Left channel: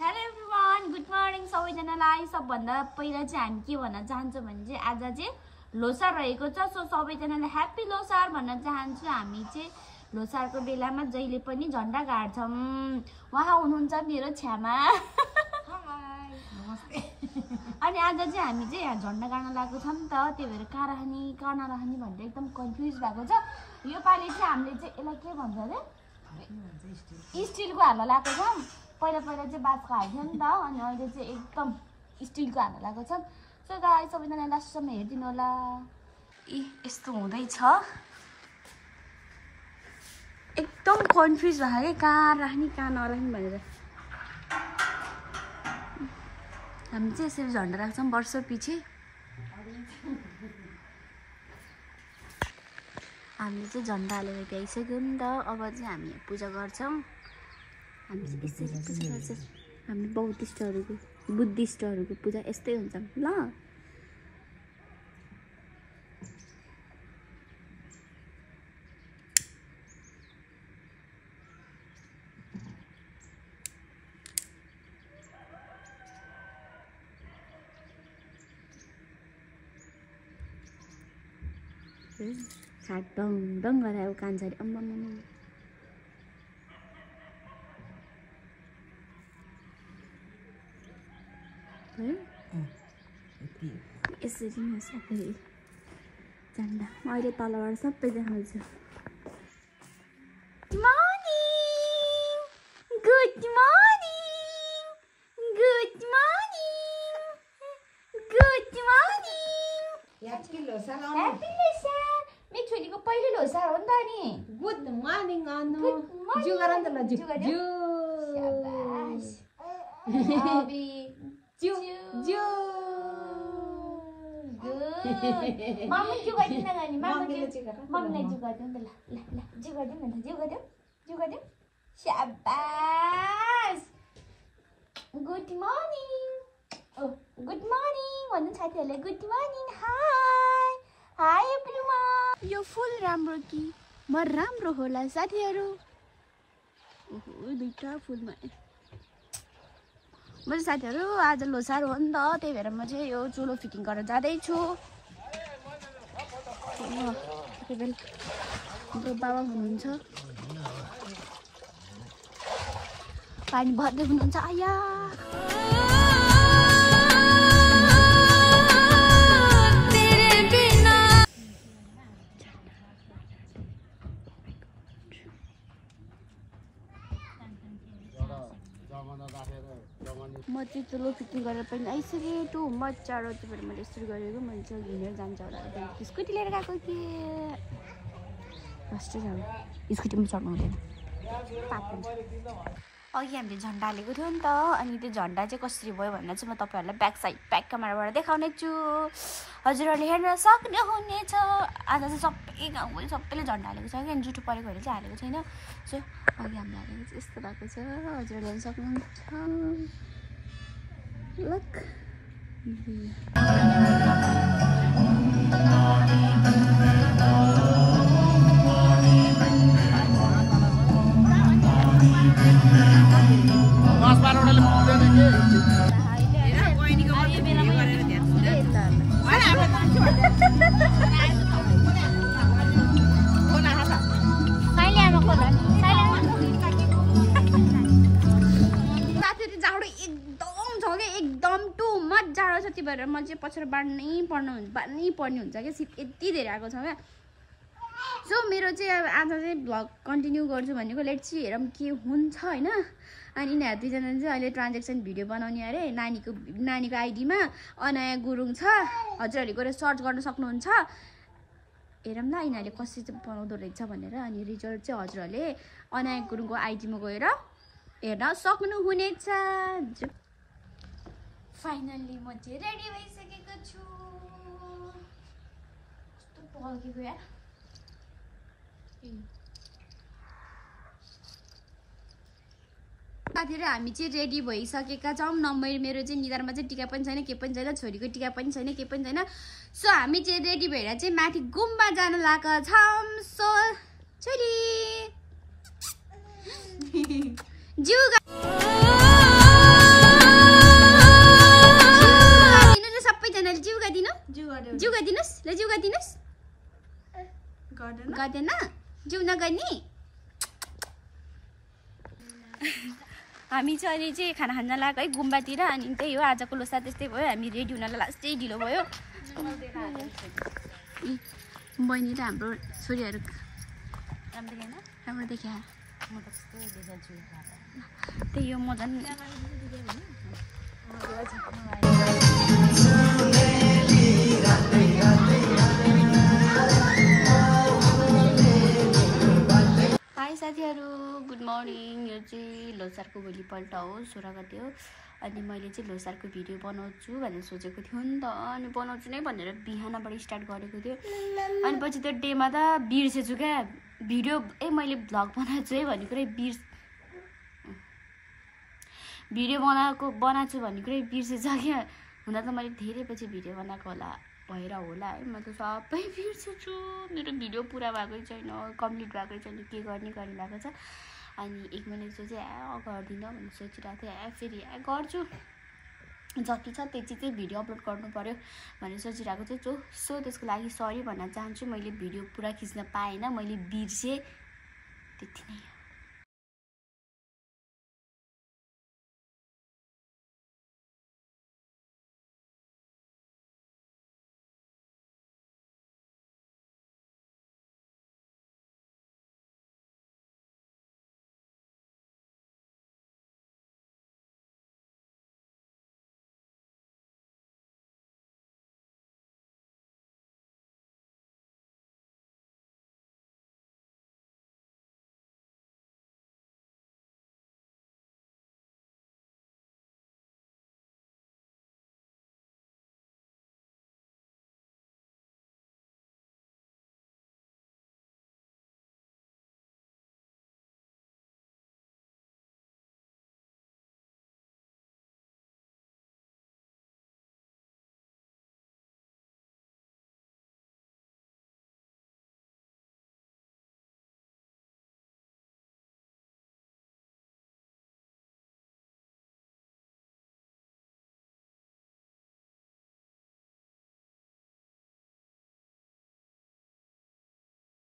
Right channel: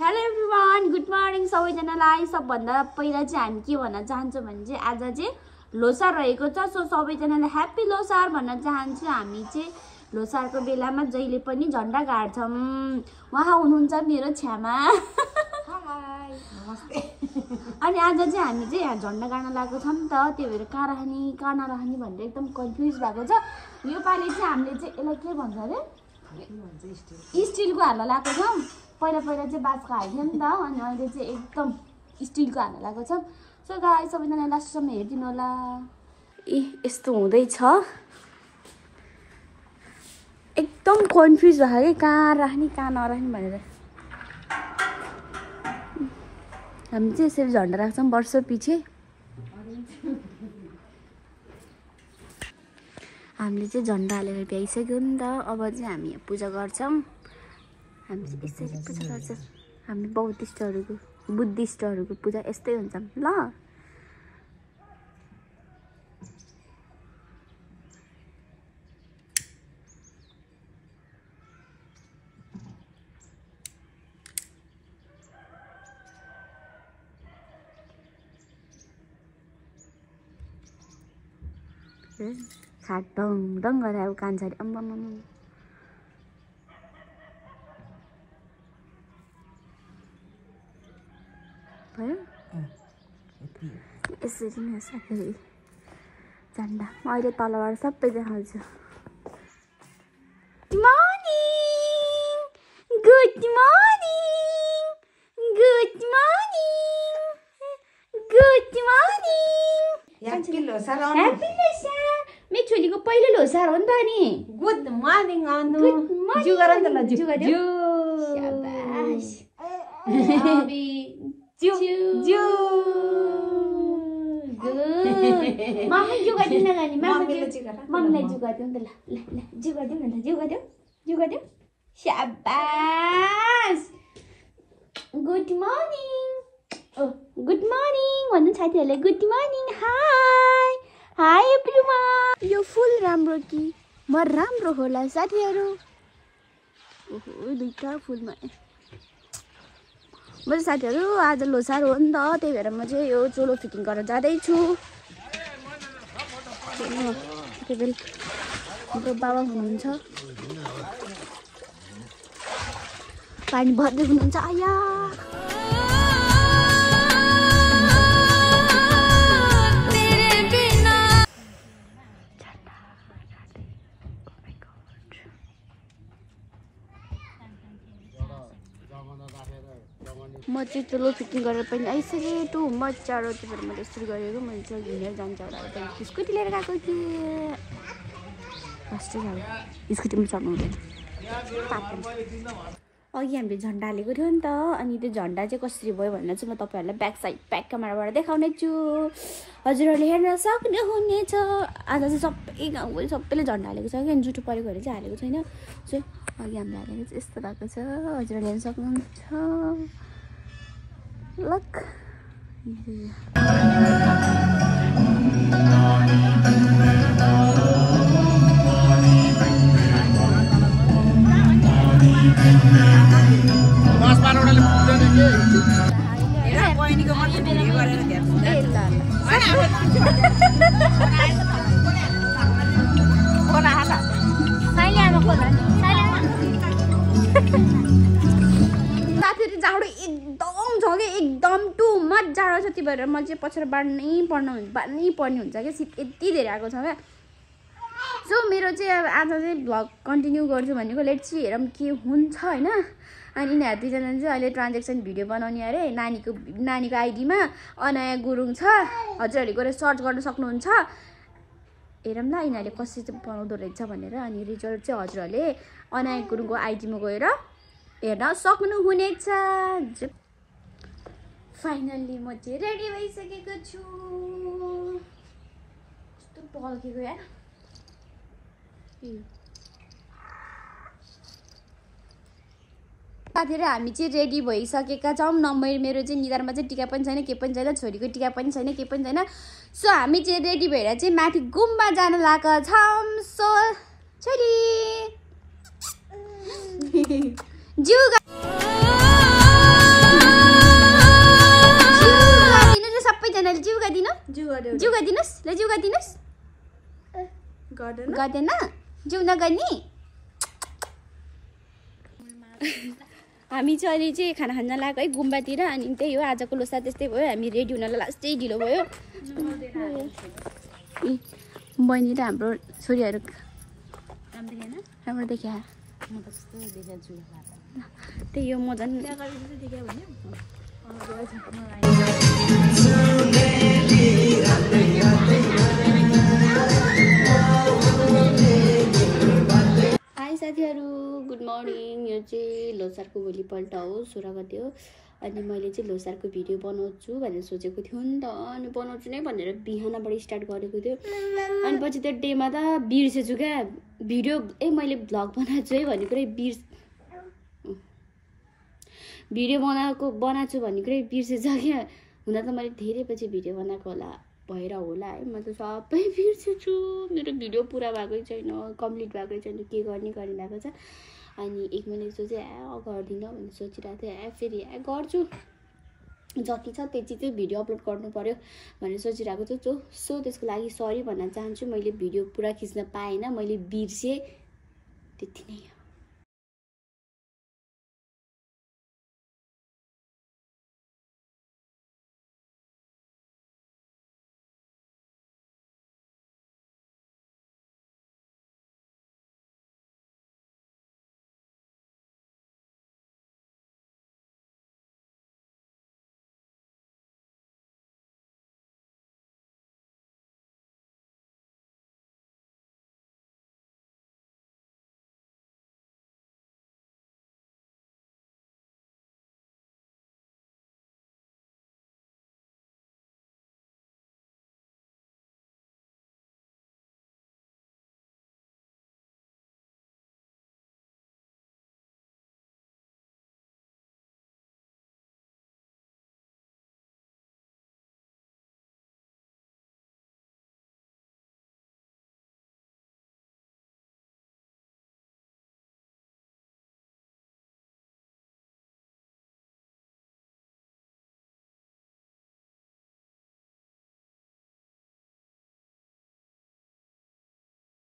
Hello everyone, good morning सबैजनालाई। सबभन्दा पहिला चाहिँ हामी के भन्न चाहन्छौँ भने चाहिँ आज चाहिँ लोसार रहेको छ। सो सबैजनालाई ह्याप्पी लोसार भन्न चाहन्छु। हामी चाहिँ लोसारको बेलामा जहिले पनि झन्डा गाड्छौँ। उहाँ हुनुहुन्छ मेरो छ्यामा। नमस्ते। अनि आज चाहिँ हामी चाहिँ यहाँ झन्डा गाड्न लागेको छौँ नि त, त्यही भएर कहाँ राख्ने कहाँ नराख्ने भनेर एकदम कन्फ्युज भएको छ। योपालि चाहिँ हामीले चाहिँ यसलाई के भन्छ अरे स्टिलको हाल्न लागेको छौँ। पहिला चाहिँ बाँसको हाल्थ्यो नि त, अनि अहिले चाहिँ एकदम स्टिलको हाल्न लागेको छ। सो गाइस सबैजना लास्टसम्म हेरिदिनु होला। यस्तो हुँदैछ, एकदम कन्फ्युज भयो कि कहाँ राख्ने कहाँ नराख्ने भनेर। हामी चाहिँ यसरी झन्डा राख्छौँ वर्ष पछि। हामीले चाहिँ झन्डा हालेर भ्याइसक्यो नि त। अब चाहिँ हामी पूजा गर्छौँ। हामी चाहिँ यसरी पूजा गर्छौँ। हामी बुद्धिस्टहरूको पूजा यस्तै हुन्छ ल। हात ढङ गरेर अब कान्छाले अम्मा भयो। यसरी नै साथै झन्डा म अहिले तलबाट सबै देखाउँछु। छोरीको पहिलो लोसार हो नि त नि। गुड मर्निङ अनु। जु गर नि त ल, जु गर्यो। शाबाश। अबि जु जु गुड। मम्मी जु गर्दिन न नि, मम्मीलाई जु गर्दिउ नि त ल। ल जु गर्दिउ न त, जु गर्दिउ। शाबाश। Good morning. ओ गुड मर्निङ भन्नु साथीहरुलाई। Good morning. Hi everyone. यो फुल राम्रो कि म राम्रो होला साथीहरु? ओहो दुईटा फुलमा। म चाहिँ साथीहरु आज लोसार हो नि त, त्यही भएर म चाहिँ यो चोलो फिटिङ गर्न जाँदैछु। मेरो बाबा हुनुहुन्छ, पानी भर्दै हुनुहुन्छ। आया म चाहिँ चोलो फिटिङ गरेर पनि आइसकेँ। टु मजा र त्यही भएर मैले यसरी गरेको। मैले चाहिँ हिँडेर जान्छ होला, स्कुटी लिएर गएको थिएँ। फर्स्टै अब स्कुटीमा चढ्नु हुँदैन, अघि हामीले झन्डा हालेको थियो नि त। अनि त्यो झन्डा चाहिँ कसरी भयो भनेर चाहिँ म तपाईँहरूलाई ब्याक क्यामेराबाट देखाउने छु। हजुरहरूले हेर्न सक्नुहुनेछ। आज चाहिँ सबै गाउँको सबैले झन्डा हालेको छ कि, जुठो परेको भएर चाहिँ हालेको छैन। चाहिँ अघि हामीले हालेको चाहिँ यस्तो भएको छ, हजुरहरूले हेर्न सक्नुहुन्छ। लक एकदम टु मच जाडो छ। त्यही भएर म चाहिँ पछाडि बाड्नै पर्ने हुन्छ क्या। शीत यति धेरै आएको छ क्या। सो मेरो चाहिँ अब आज चाहिँ भ्लग कन्टिन्यू गर्छु भनेको। लेट्स सी हेरौँ के हुन्छ होइन। अनि यिनीहरू दुईजना चाहिँ अहिले ट्रान्जेक्सन भिडियो बनाउने अरे नानीको आइडीमा। अनाया गुरुङ छ, हजुरहरूले गएर सर्च गर्न सक्नुहुन्छ। हेरौँ ल यिनीहरूले कसरी चाहिँ बनाउँदो रहेछ भनेर। अनि रिजल्ट चाहिँ हजुरहरूले अनाया गुरुङको आइडीमा गएर हेर्न सक्नुहुनेछ। फाइनल्ली म चाहिँ रेडी भइसकेको छु। कस्तो पल्केको यार। साथीहरु हामी चाहिँ रेडी भइसकेका छौँ। नम्बर मेरो चाहिँ निधारमा चाहिँ टिका पनि छैन, के पनि छैन, छोरीको टिका पनि छैन, के पनि छैन। सो हामी चाहिँ रेडी भएर चाहिँ माथि गुम्बा जान लागेका छौँ। सो छोरी गर्दैन जिउन गर्ने हामी चाहिँ अहिले चाहिँ खाना खान लाग्यो है गुम्बातिर अनि त्यही हो आजको लोसा त्यस्तै भयो हामी रेडी हुनलाई लास्टै ढिलो भयो बहिनी र हाम्रो छोरीहरू राम्रो देखिया त्यही हो म झन् हाई साथीहरू गुड मर्निङ यो चाहिँ लोसारको भोलिपल्ट हो 16 गते हो अनि मैले चाहिँ लोसारको भिडियो बनाउँछु भनेर सोचेको थियो नि त अनि बनाउँछु नै भनेर बिहानबाट स्टार्ट गरेको थियो अनि पछि त्यो डेमा त बिर्सेछु क्या भिडियो मैले भ्लग बनाएको छु है भन्ने कुरै भिडियो बनाएको भन्ने कुरै बिर्सेछ क्या हुन त मैले धेरै पछि भिडियो बनाएको भएर होला है म त सबै बिर्सेछु मेरो भिडियो पुरा भएकै छैन कम्प्लिट भएकै छैन के गर्ने गरिरहेको छ अनि 1 महिना जस्तो चाहिँ गर्दिनँ भनेर सोचिरहेको थिएँ फेरि गर्छु जति छ त्यति चाहिँ भिडियो अपलोड गर्नु पर्यो भनेर सोचिरहेको छु सो त्यसको लागि सरी भन्न चाहन्छु मैले भिडियो पुरा खिच्न पाएन मैले बिर्सेँ त्यति नै